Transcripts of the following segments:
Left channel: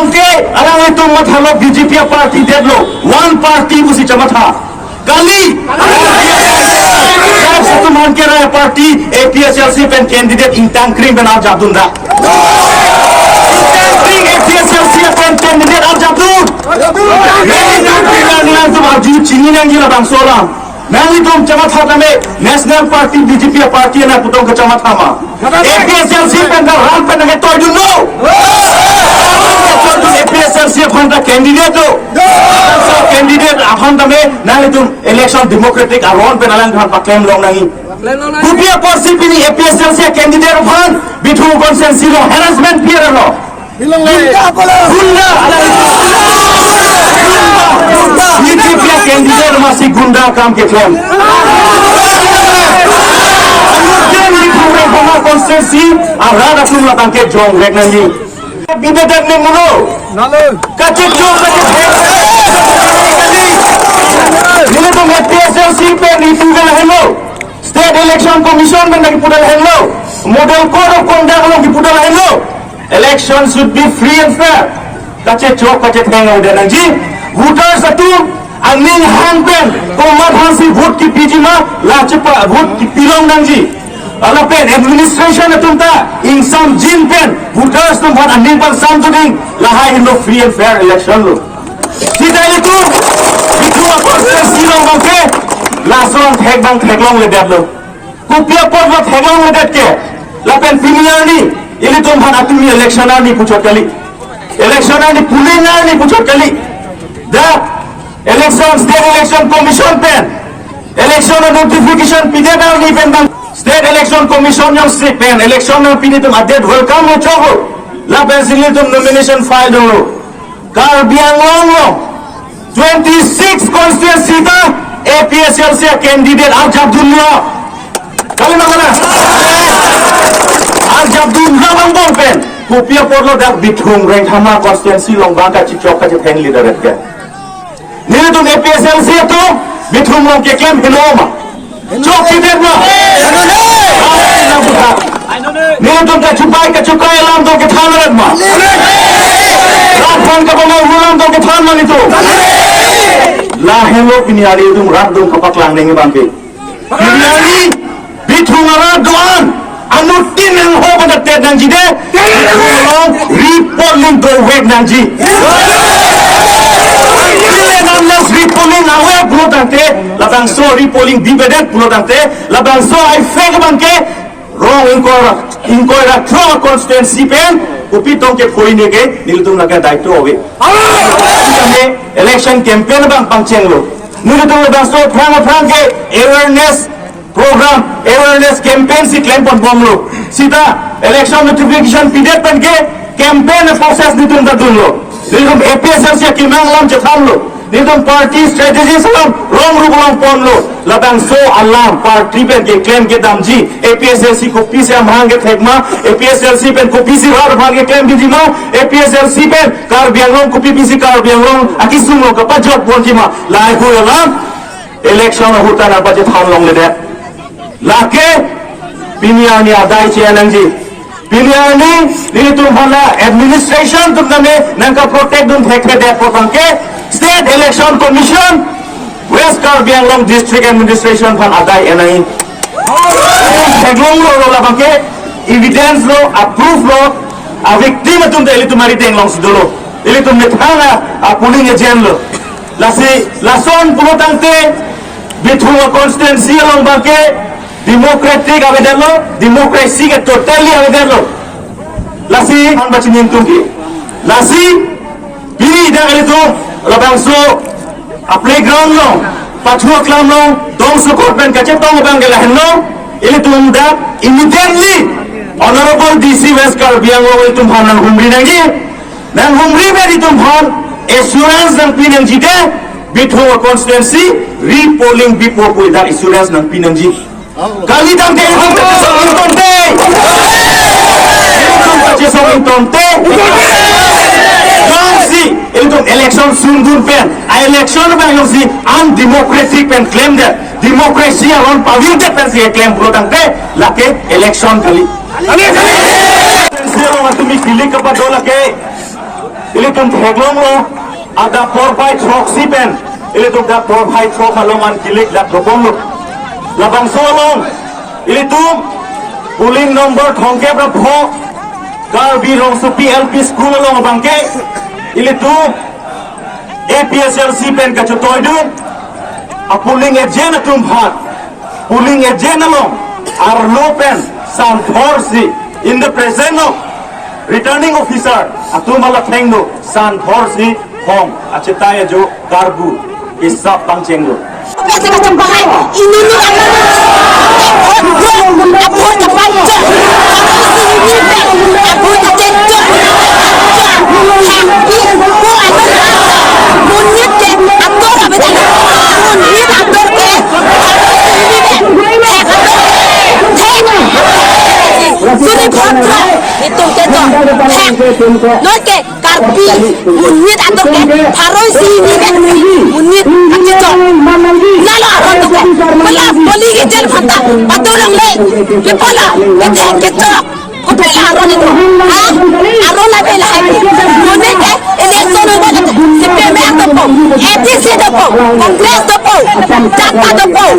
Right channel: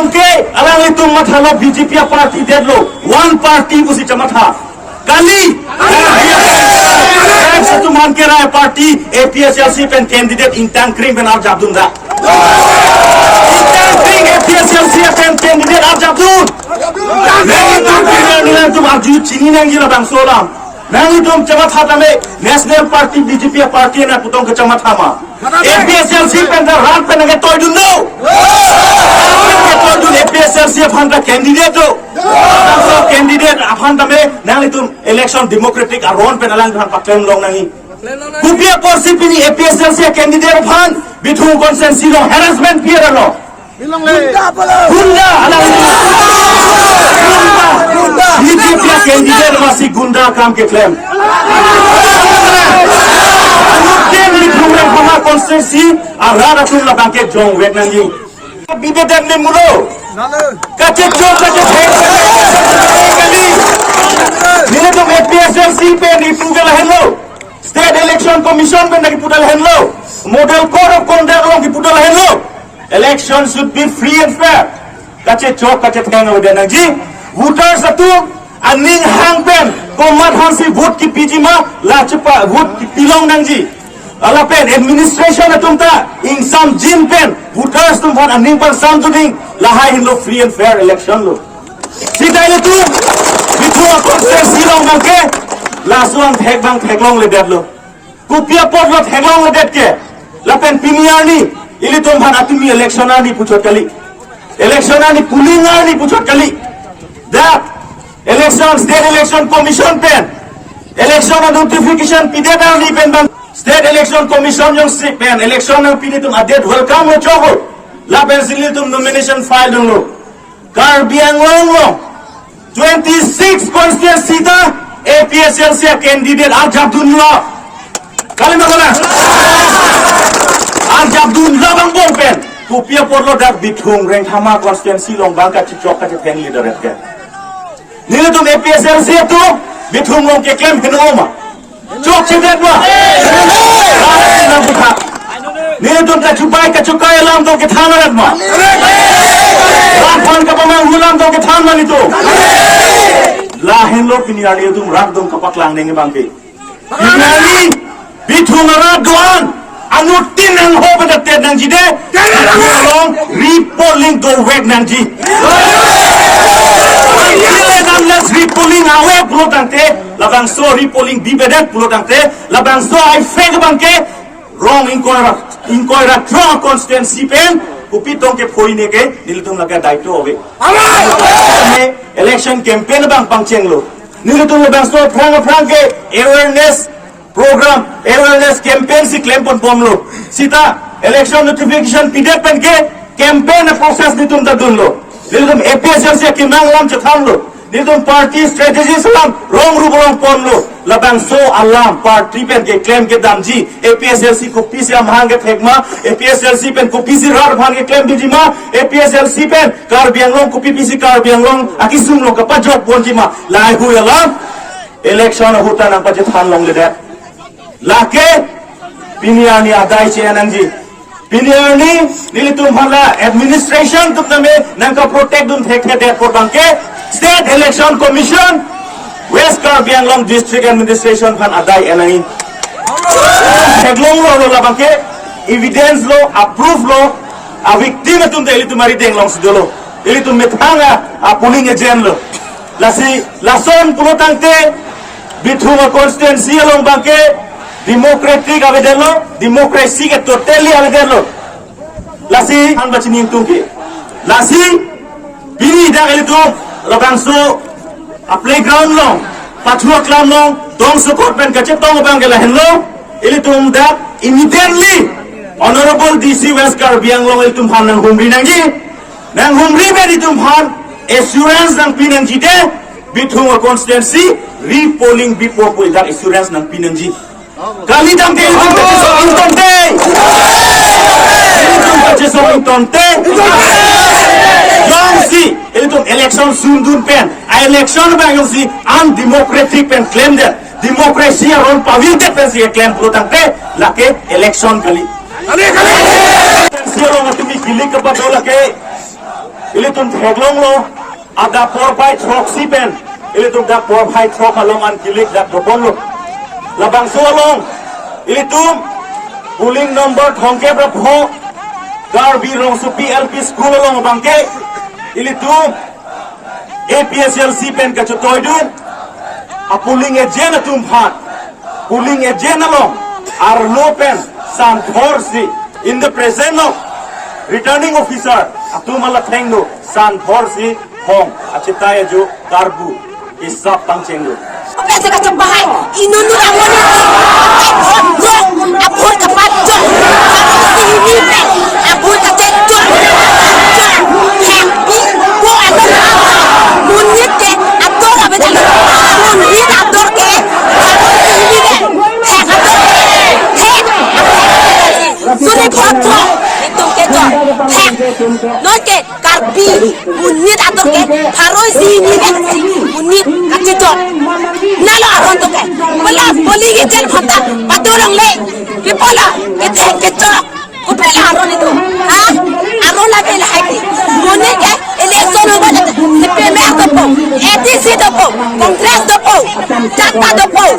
longke alang itu mathalo BJP party dedlo one party busi chamatha kali satu man ke raya party APSLC pen candidate intang krim ben Arjabdunda intang krim APSLC pen candidate Arjabdun nang itu pinang tum arju chini nang jila bang solam nang itu chamatha tame national party BJP party na putong ke chamatha ma APSLC pen da ran pen nge toy dun no APSLC phanda candidate to so candidate aphanda me nang itu election democratic aron penalan phan paklem long nangi kupia porsi pini APSLC candidate phan bithu consensus lo harassment fear lo bilong le gunda BJP candidate masih gunda kam ke claim anuten bithu re phana consensus arara kunla bangke jong rek nangi bibedak ne mulo kache jong kache ini tuh APSLC pe dipugal hello state election commission ben lagi pudal hello model code of conduct lagi pudal hello election should be free and fair kache chok kache theng udah nangji voters satu aning hang pen komat hansi vote ki pijima lachepa vote ki pilong nangji ala pen administration atumta insam jin pen voters tum van aning pan sam tuding lahai indo free and fair election lo sida itu bitu apa silong bangke laslong thek bang theklong le datlo kupia pot lo theklong le dat ke lapen piniar ni ili tum van atumi election ani puchot kali election ani pulling ani puchot kali da election state election commission pen election notification pide da ni pen bang state election commission yung strict pen election no pinitum adet welcome yo chogo lapen silitum nomination file dong lo Karbiang lo 26 constituency ta APSLC candidate Arjabdullah kali makana Arjabdullah bang bol pen kupia porlo dak bithung reng thama constituency long bangka chichok ka theng leader ke nile tum APSLC tu bithung long ke claim hinoma chok chitet ma nile tum ka chukai lam to ke thanarat ma Rafan ka bang ulam to ke than mani to lahilo piniari itu rat dong kapak lang nengi bangke piniari bithungara duan anutin ang ho pada ted nang jide bithungolong repolling do wek nang ji ile namlas repolling awe pulo tangte labang so repolling dibedak pulo tangte labang so ai fake bangke wrong inkoira throw constituency pen kupitong ke phoi ne ke nilitum laga daito hobe election campaign bang pangcheng lo nilitum labang so frang ke awareness program awareness campaign si claim pon bom lo sita election notification pide pen ke campaign process nitum da dun lo nilitum APSLC ke kimang lam che tham lo nilitum party strategy salam wrong rubolong pon lo labang so alam party pen ke claim ke damji APSLC ko pise amhang ke thekma APSLC pen ko pise rar bhang ke claim bijima APSLC pen Karbiang long ko pise Karbiang long akisum lo ka pajot bonjima lai hu alam election huta na baje tham long le de lake piniani adai che anangji piniani ni tum bhala administration tum name nangka protect dun thekre de potangke state election commission West Karbiang long district administration phan adai enai theklong lo labangke evidence lo approve lo a victim tum de elitumari teng long sidolo elitum methanga a polling agent lo lasi lason pulotangte bithunga constituency long bangke democratic aveden lo democracy ke totally aveden lo lasi an bachini tumki lasi pini da elitum labangso a playground long pathua klam long dong support pen kache tong bangela hello elitum da immediately honorable DC West Karbiang long elitum phan humri nangi nang humri be elitum phan assurance nang pinangji de bithunga constituency repolling before ko da assurance nang pinangji kali dam ke ham kache song intonte elitum kache song intonte Elitum election sundun pen election bang yung si undemocratic pen claim that democracy around pavil that pen si claim puro tangte lake election kali silo matumi kili kapato lake ili tum theglong lo ada por bai trok sipen ili tum da por bai trok aloman kilik da thopong lo labang solong ili tum puling number thongke pra pho kar bi rong su PLP school along bangke ili tum APSL sipen ka chotoi dun a puling e jena tum phat puling e jena long ar lopen sam thorsi in the presence of returning officer atumala thengno san thorsi hong achitaye jo karbu isap tangchenglo Kasi macam bahay, inunur ang abur kapan jod, sini ben, abur katen jod, bu ador, munyit ke ador apa tadi, munyit ador ke, sini ben, ador, suni potro, itu ke jod, non ke karbi, munyit ador ke, paroi sini ben, munyit aja jod. Nalo aron tu ke, pala poli kita phata, patulong le, pipala, kita, kupela aron itu, aron lagi lah ini, mana ke, election ubah tu, CPM tu pun, ATC tu pun, Kongres tu pun, Jata tu pun,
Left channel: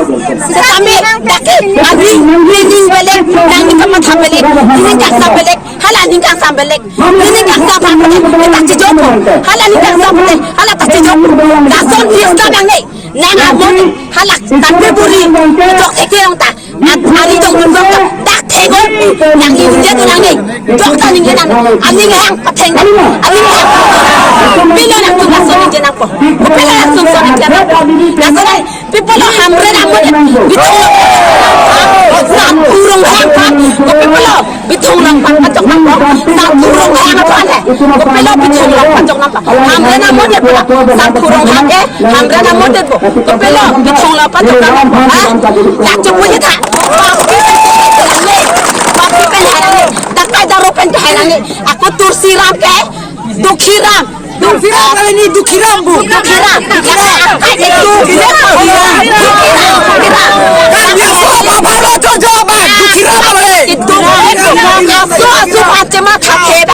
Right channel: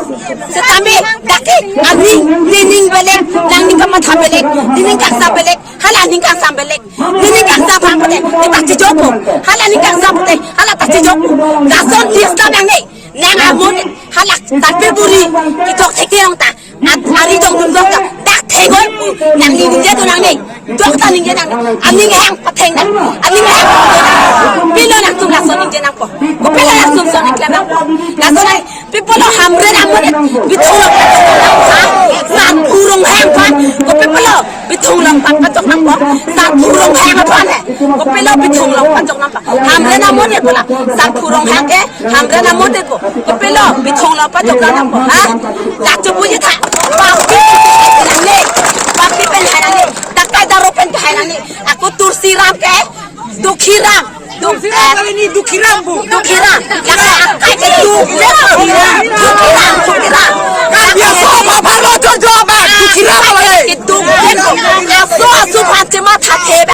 sekami daki, adi, ini belek, nang ni kamu thambelek, ini kaksa belek, halah ni kaksa belek, ini kaksa belek, kita cijuk pun, halah ni kaksa belek, halah tak cijuk, langsung diiska yang ni. Nang amon halak tapi buri dok ekeng ta ari dok dok dak thego nang ni nge to nang ni dok ta ni nge nang ani nge hang pateng ani nge bilo nak tu laso ni jena po ko pela laso so ni kana laso ni people hamre amon bitong san burung hang pan ko people bitong lang pan patok nang po san burung hang pan ko pela bitong lang patok nang pa hamre amon ya pula san burung hang ke hamre amon de po ko pelo bitong la patok nang po ha dak chu ye tha papi pen harang dakai daro pen harang aku tursiram ke dukhiram ini dukhiram bu dukhiram yang akai itu dukhiram